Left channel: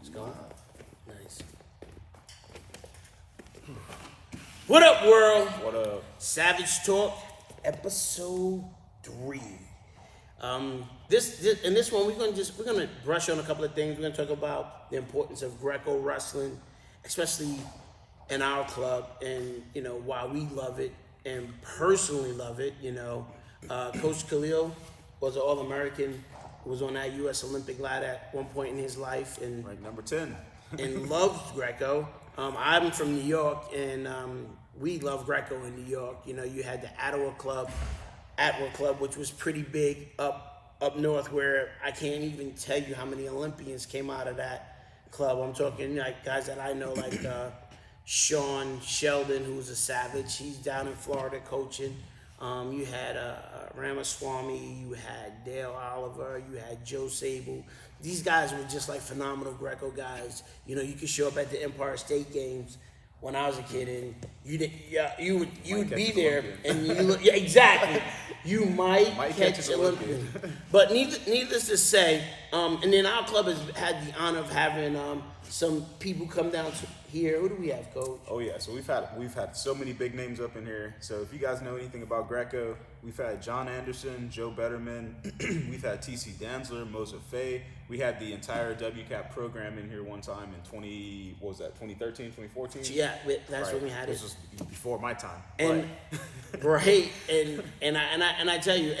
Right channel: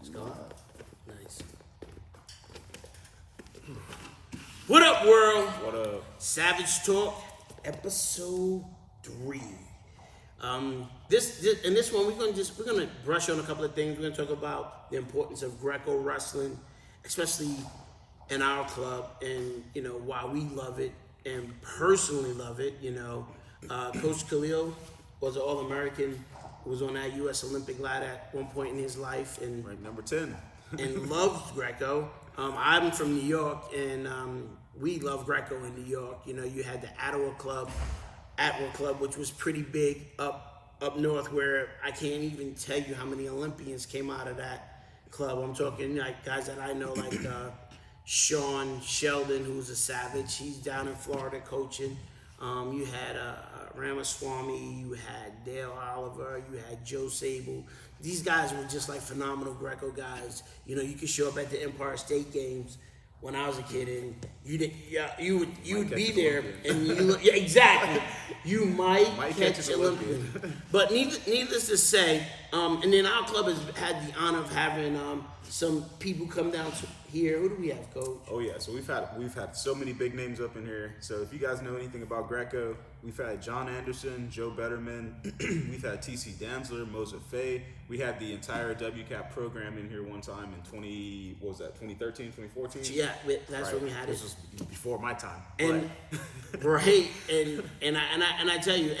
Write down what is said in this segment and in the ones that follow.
Let's go. Nice. What up, world? What up? Savage Talk, episode 3. This one we're gonna brush on a couple of things. We're gonna talk about the importance of Greco wrestling, especially in our club, and why we love it and personally love it. Coach Khalil was an All-American, was on that U.S. Olympic ladder at one point in his life, and Ranked number 10. and loved Greco. I'm from New York, and we love Greco in New York. You had the Atwood Club, which was pretty big up north, where I can't even tell you how many Olympians came out of that club. I'm talking like guys that I know, like Sean Sheldon, who's a Savage. He's down in Florida coaching. You had Ramaswamy, you had Dale Oliver, you had Joe Sable. These guys were just like phenomenal Greco guys. You could show up at the Empire State Games when I was a kid, and you would be there, and you look, exactly. You might catch an Olympian. But needless to say, and then our club has had the honor of having some people come down to here. Who do we have, Coach? Oh yeah, so we've had so many big names up in here. So if you guys know anything about Greco, we've had John Anderson, Joe Betterman, we've had TC Danzler, Moser Fay. We had the entire WCAP program in here one time in 2013, 2014? Yeah, that's when we had it. This was before my time. And right, and I tell you,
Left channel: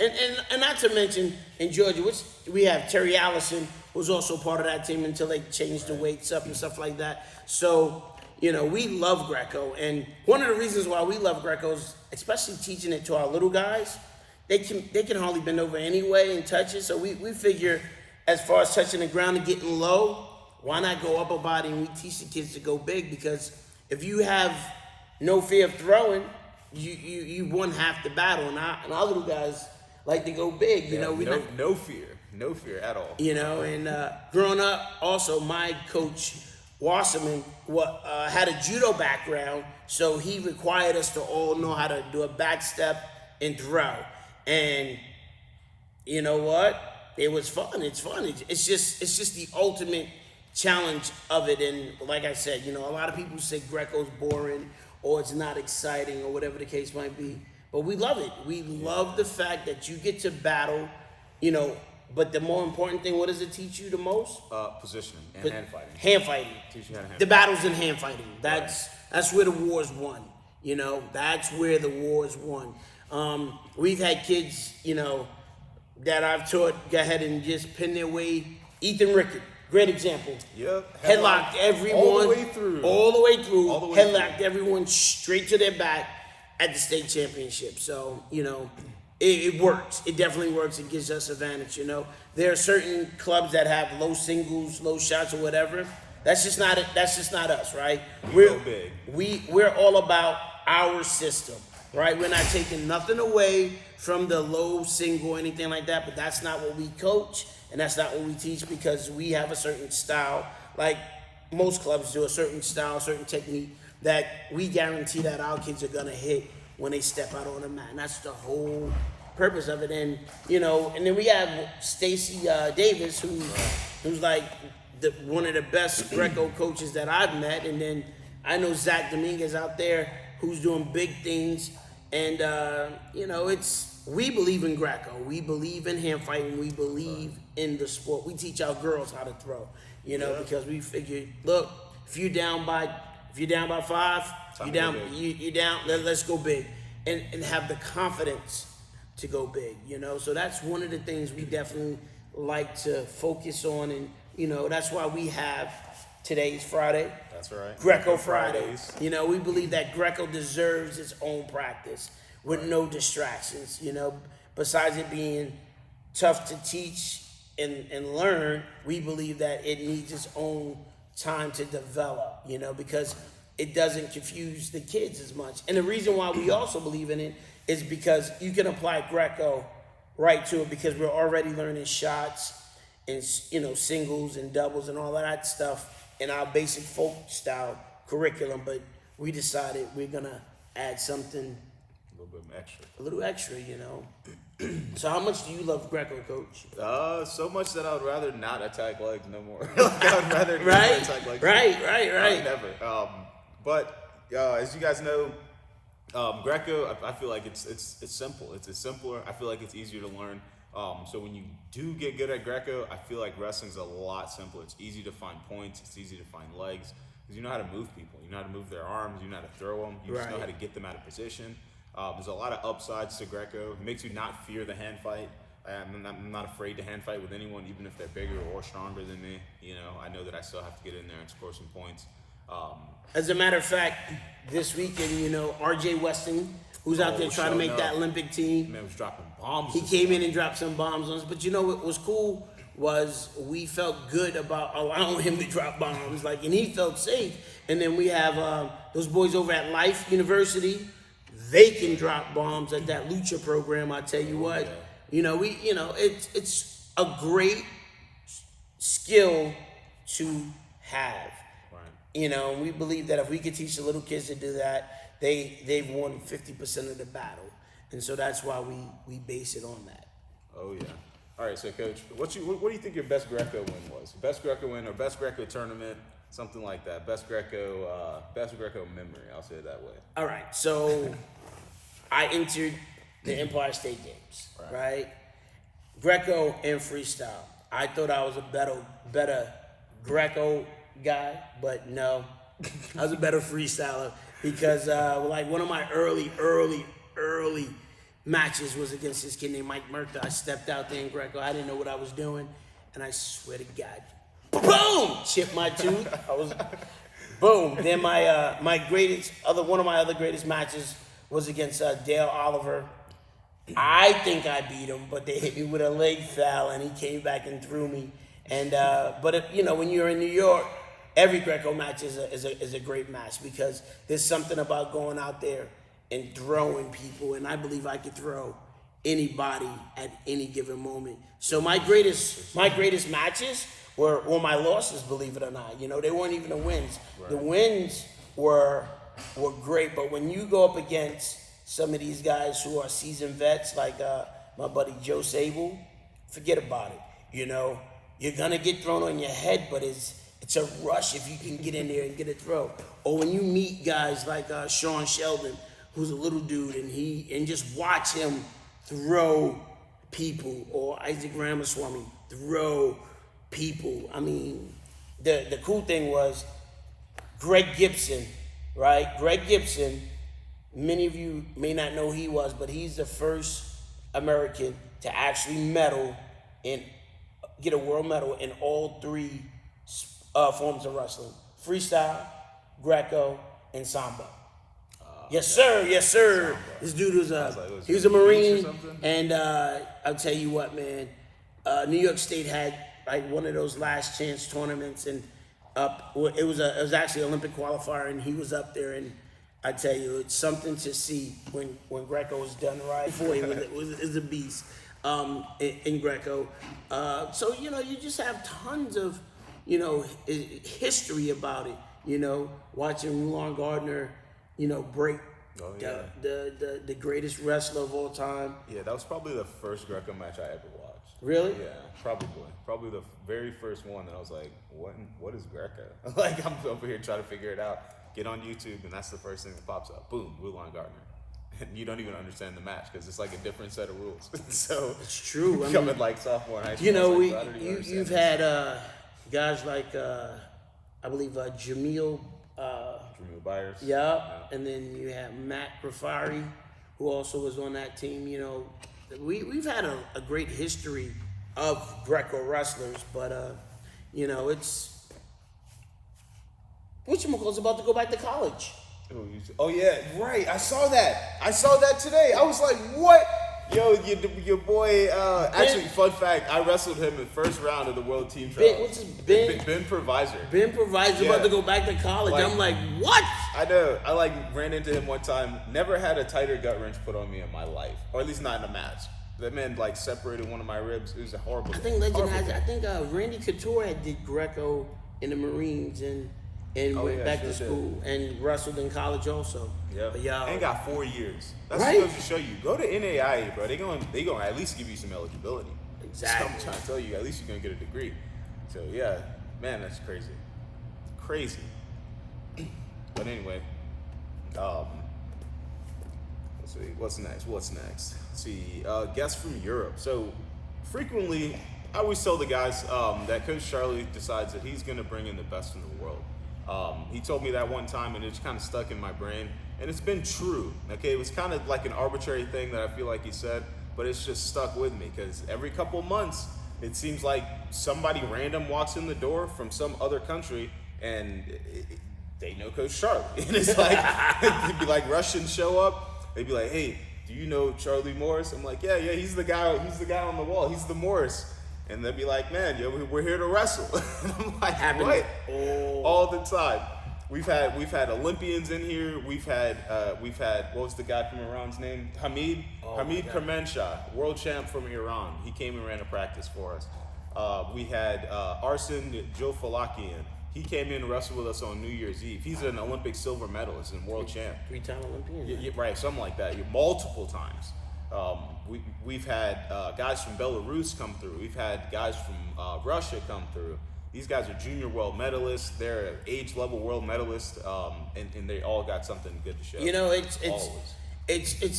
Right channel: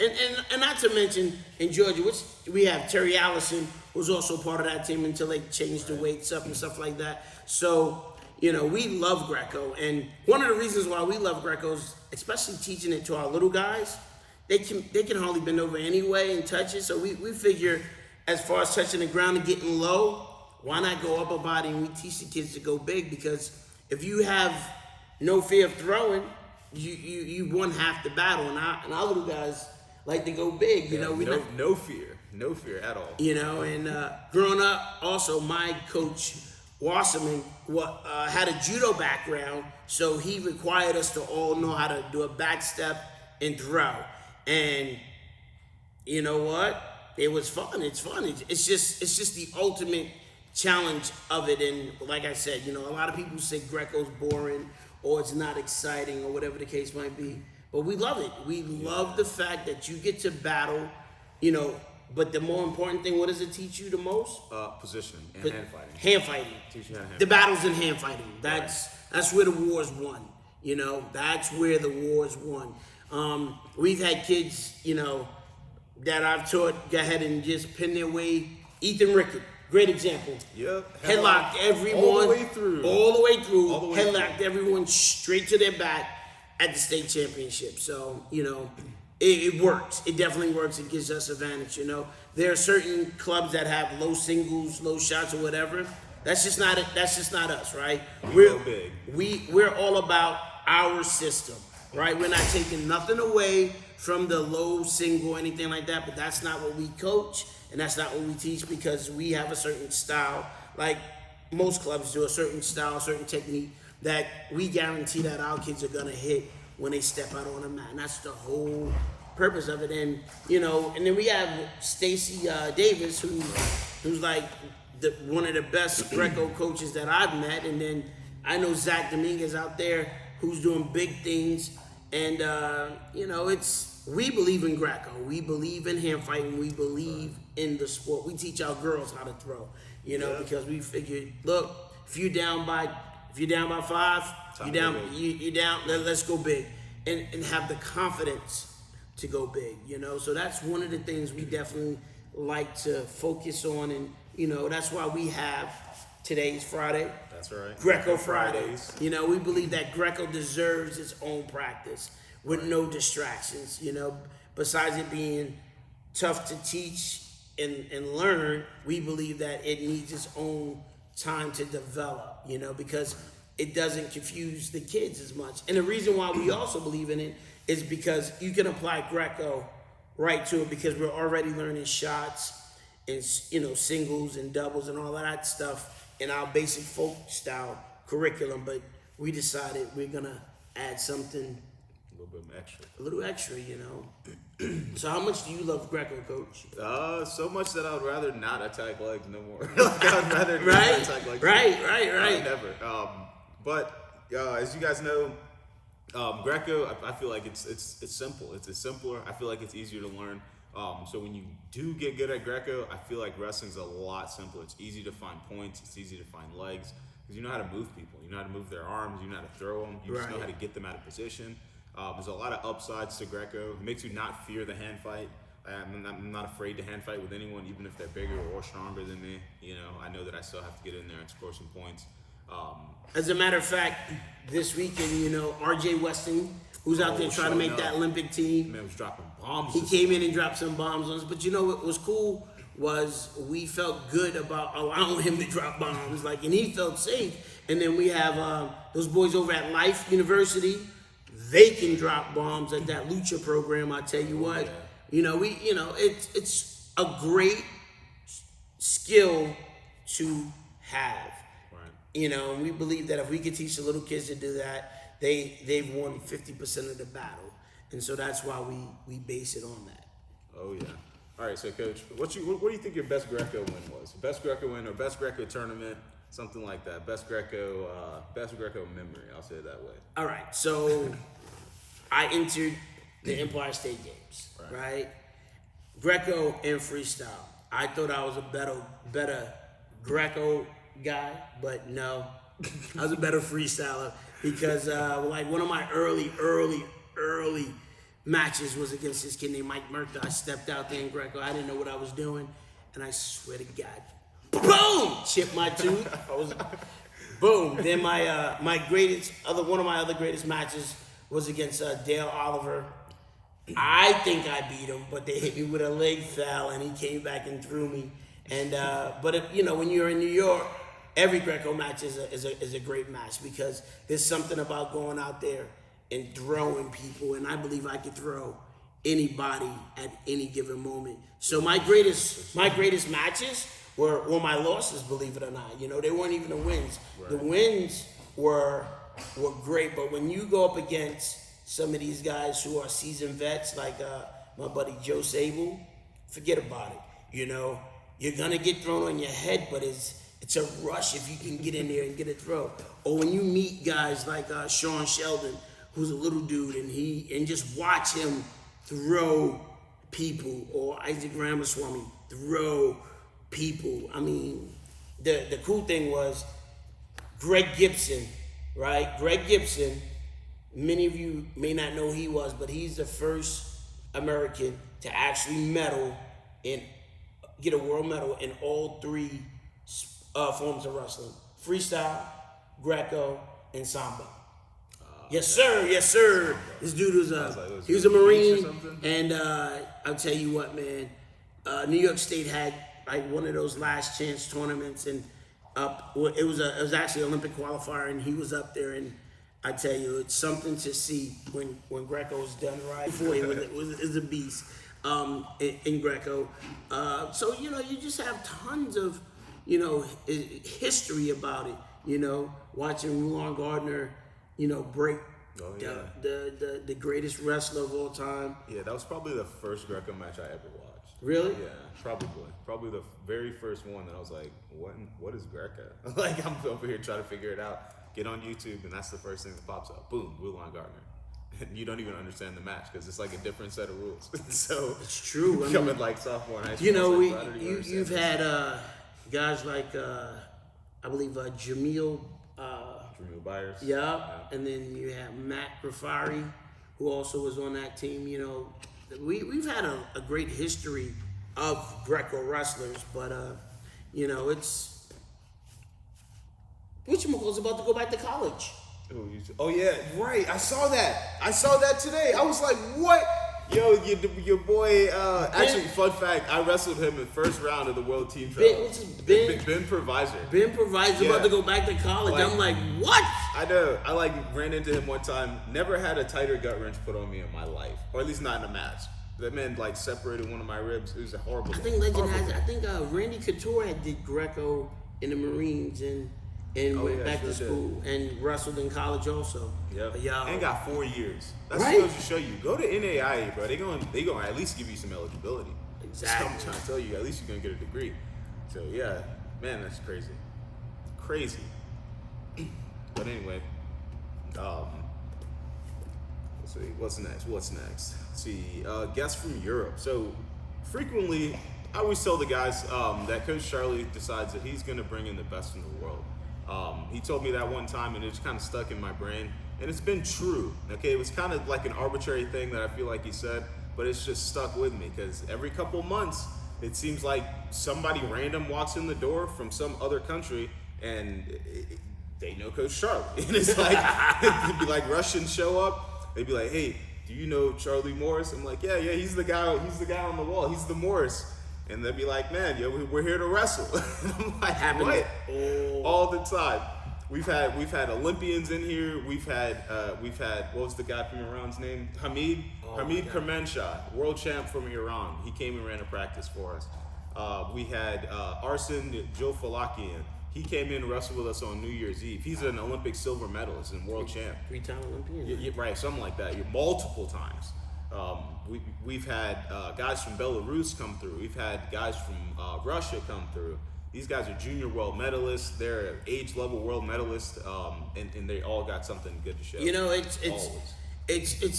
and not to mention in Georgia, which we have Terry Allison, who's also part of that team until they changed the weights up and stuff like that. So, we love Greco, and one of the reasons why we love Greco is, especially teaching it to our little guys, they can hardly bend over anyway and touch it. So we figure, as far as touching the ground and getting low, why not go upper body, and we teach the kids to go big? Because if you have no fear of throwing, you won half the battle, and our little guys like to go big. No fear at all. And growing up, also my coach Wasserman had a judo background, so he required us to all know how to do a back step and throw. And you know what? It was fun. It's fun. It's just the ultimate challenge of it. And like I said, a lot of people say Greco's boring or it's not exciting or whatever the case might be. But we love it. We love the fact that you get to battle, But the more important thing, what does it teach you the most? Positioning and hand fighting. Hand fighting. Teach you how to hand the battles in hand fighting. That's where the war's won. That's where the war's won. We've had kids, that I've taught go ahead and just pin their way. Ethan Rickett, great example. Yep. Headlocked everyone. All the way through. Headlocked everyone straight to their back at the state championship. So, it works. It definitely works. It gives us advantage, There are certain clubs that have low singles, low shots, or whatever. That's just not it. That's just not us, right? We're all about our system, right? We're not taking nothing away from the low single or anything like that, but that's not what we coach, and that's not what we teach, because we have a certain style, like most clubs do, a certain style, a certain technique that we guarantee that our kids are gonna hit when they step out on the mat. And that's the whole purpose of it. And, and then we have Stacy Davis, who's like one of the best Greco coaches that I've met. And then I know Zach Dominguez out there who's doing big things. And, we believe in Greco. We believe in hand fighting. We believe in the sport. We teach our girls how to throw, because we figured, look, if you're down by 5, you down. Let's go big, and have the confidence to go big. So that's one of the things we definitely like to focus on, and that's why we have today's Friday. That's right. Greco Fridays. We believe that Greco deserves its own practice with no distractions. Besides it being tough to teach and learn, we believe that it needs its own time to develop. Because it doesn't confuse the kids as much. And the reason why we also believe in it is because you can apply Greco right to it, because we're already learning shots and, singles and doubles and all of that stuff in our basic folk style curriculum. But we decided we're going to add something little bit extra. A little extra, you know. So how much do you love Greco, Coach? So much that I would rather not attack legs no more. Like, I would rather never Right? attack legs. Right. Never. But as you guys know, Greco, I feel like it's simple. It's simpler. I feel like it's easier to learn. So when you do get good at Greco, I feel like wrestling's a lot simpler. It's easy to find points. It's easy to find legs. Because you know how to move people. You know how to move their arms. You know how to throw them. You just know how to get them out of position. There's a lot of upsides to Greco. It makes you not fear the hand fight. I'm not afraid to hand fight with anyone, even if they're bigger or stronger than me. You know, I know that I still have to get in there and score some points. As a matter of fact, this weekend, you know, R.J. Weston, who's out there trying to make that Olympic team. Man was dropping bombs. He came in and dropped some bombs on us. But you know what was cool was we felt good about allowing him to drop bombs, like, and he felt safe. And then we have those boys over at Life University. They can drop bombs at that lucha program. I tell you what, you know, it's a great skill to have. Right. You know, and we believe that if we could teach the little kids to do that, they've won 50% of the battle. And so that's why we base it on that. Oh yeah. All right, so Coach, what do you think your best Greco win was? Best Greco win or best Greco tournament, something like that. Best Greco memory. I'll say it that way. All right, so I entered the Empire State Games, right? Greco and freestyle. I thought I was a better Greco guy, but no, I was a better freestyler because like one of my early matches was against this kid named Mike Murtha. I stepped out there in Greco. I didn't know what I was doing, and I swear to God, boom, chipped my tooth. Boom. Then one of my other greatest matches was against Dale Oliver. I think I beat him, but they hit me with a leg foul, and he came back and threw me. And but if, you know, when you're in New York, every Greco match is a great match because there's something about going out there and throwing people, and I believe I could throw anybody at any given moment. So my greatest matches were my losses, believe it or not. You know, they weren't even the wins. Right. The wins were great, but when you go up against some of these guys who are seasoned vets, like my buddy Joe Sable, forget about it. You know, you're gonna get thrown on your head, but it's a rush if you can get in there and get a throw. Or when you meet guys like Sean Sheldon, who's a little dude, and just watch him throw people, or Isaac Ramaswamy throw people. I mean, the cool thing was Greg Gibson, right? Greg Gibson, many of you may not know who he was, but he's the first American to actually get a world medal in all three forms of wrestling: freestyle, Greco, and Samba. Yes, sir. Samba. This dude was he was a Marine, and I'll tell you what, man. New York State had like one of those last chance tournaments, and it was actually an Olympic qualifier, and he was up there, and I tell you, it's something to see when Greco was done right. Before he was a beast in Greco. So you know, you just have tons of history about it. You know, watching Rulon Gardner, break the greatest wrestler of all time. Yeah, that was probably the first Greco match I ever watched. Really? Yeah, probably the very first one that I was like, what is Greco? Like, I'm over here trying to figure it out. Get on YouTube, and that's the first thing that pops up. Boom, Rulon Gardner. And you don't even understand the match because it's like a different set of rules. So it's true. Coming like sophomore in high school. You've had guys like I believe Jamil Byers. Yeah, and then you have Matt Grafari, who also was on that team. You know, we've had a great history of Greco wrestlers, but it's whatchamacallit's about to go back to college. Oh yeah, right. I saw that today. I was like, what? Yo, your boy, actually, fun fact, I wrestled him in the first round of the World Team Trials. Ben Provisor. Ben Provisor about to go back to college. I'm like, what? I know. I ran into him one time. Never had a tighter gut wrench put on me in my life. Or at least not in a match. That man, separated one of my ribs. It was a horrible I think Randy Couture did Greco in the Marines, and and went back to school and wrestled in college also. Yep. But y'all, and got 4 years. That's right? what goes to show you. Go to NAIA, bro. They gonna at least give you some eligibility. Exactly. So I'm trying to tell you, at least you're gonna get a degree. So yeah, man, that's crazy. Crazy. But anyway, let's see, what's next? Let's see, guests from Europe. So frequently, I always tell the guys that Coach Charlie decides that he's gonna bring in the best in the world. He told me that one time, and it's kind of stuck in my brain, and it's been true. Okay, it was kind of like an arbitrary thing that I feel like he said, but it's just stuck with me because every couple months, it seems like somebody random walks in the door from some other country, and they know Coach Charlie, and it's like it'd be like Russians show up, they'd be like, "Hey, do you know Charlie Morris?" I'm like, "Yeah, he's the guy on the wall. He's the Morris." And they'd be like, "Man, we're here to wrestle." I'm like, "What?" All the time. We've had Olympians in here. We've had what was the guy from Iran's name? Hamid Kermanshah, world champ from Iran. He came and ran a practice for us. We had Arsen Jofalakian. He came in and wrestled with us on New Year's Eve. He's an Olympic silver medalist and world champ. 3-time Olympian. Right, something like that. Multiple times. We've had guys from Belarus come through. We've had guys from Russia come through. These guys are junior world medalists. They're age level world medalists, and they all got something good to show. You know, it's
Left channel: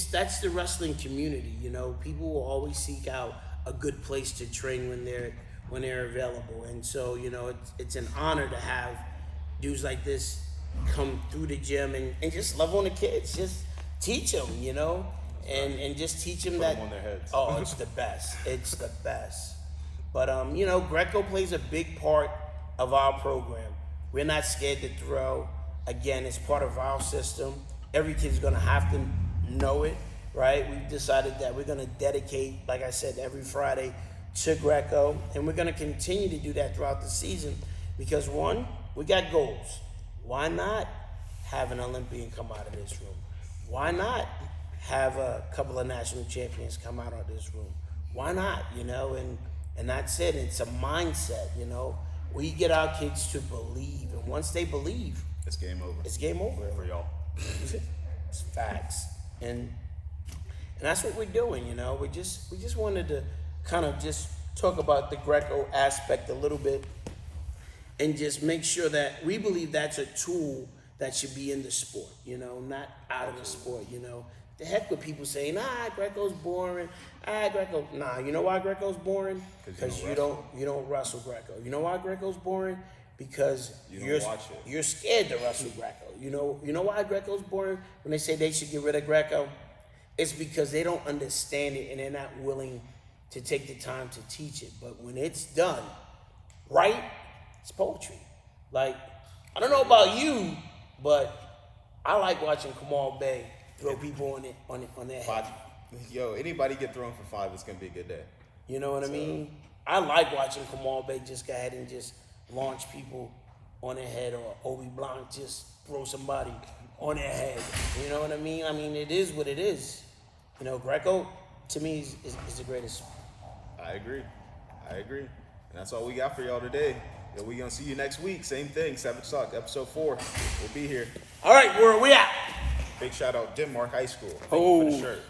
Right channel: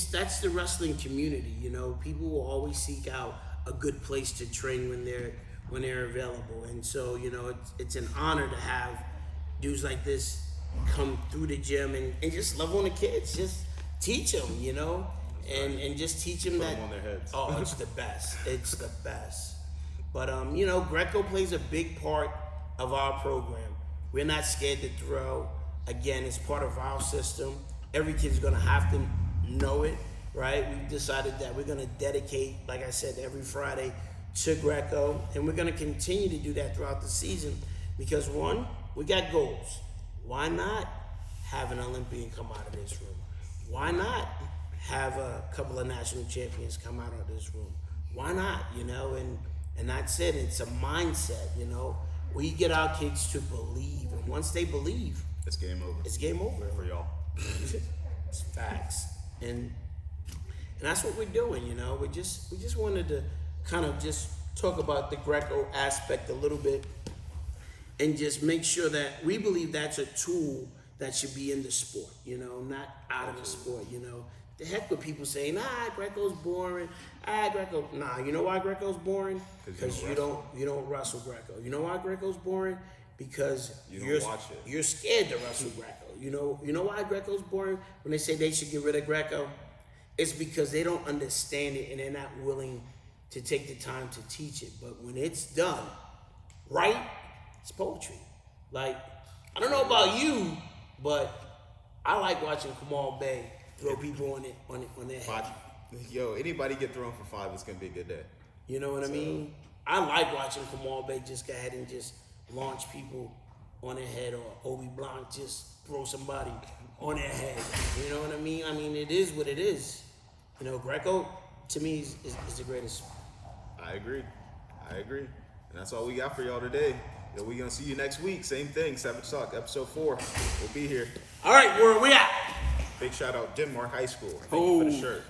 that's the wrestling community. You know, people will always seek out a good place to train when they're available, and so you know, it's an honor to have dudes like this come through the gym and just love on the kids, just teach them, you know. And just teach them that. Put them on their heads. Oh, it's the best. It's the best. But you know, Greco plays a big part of our program. We're not scared to throw. Again, it's part of our system. Every kid's gonna have to know it, right? We've decided that we're gonna dedicate, like I said, every Friday to Greco, and we're gonna continue to do that throughout the season because one, we got goals. Why not have an Olympian come out of this room? Why not have a couple of national champions come out of this room? Why not? You know, and that's it. It's a mindset, you know. We get our kids to believe, and once they believe, it's game over. It's game over for y'all. It's facts, and that's what we're doing. You know, we just wanted to kind of just talk about the Greco aspect a little bit, and just make sure that we believe that's a tool that should be in the sport. You know, not out of the sport. You know. The heck with people saying, Greco's boring. Greco. Nah, you know why Greco's boring? Because you don't wrestle Greco. You know why Greco's boring? Because you're scared to wrestle Greco. You know why Greco's boring? When they say they should get rid of Greco, it's because they don't understand it and they're not willing to take the time to teach it. But when it's done right, it's poetry. Like, I don't know about you, but I like watching Kamal Bey throw people on their head. Yo, anybody get thrown for 5, it's gonna be a good day. You know what I mean? I like watching Kamal Bey just go ahead and just launch people on their head, or Obi Blanc just throw somebody on their head. You know what I mean? I mean, it is what it is. You know, Greco to me is the greatest. I agree. And that's all we got for y'all today. Yo, we gonna see you next week. Same thing, Savage Talk, episode 4. We'll be here. All right, where are we at? Big shout out Denmark High School. Thank you for the shirt.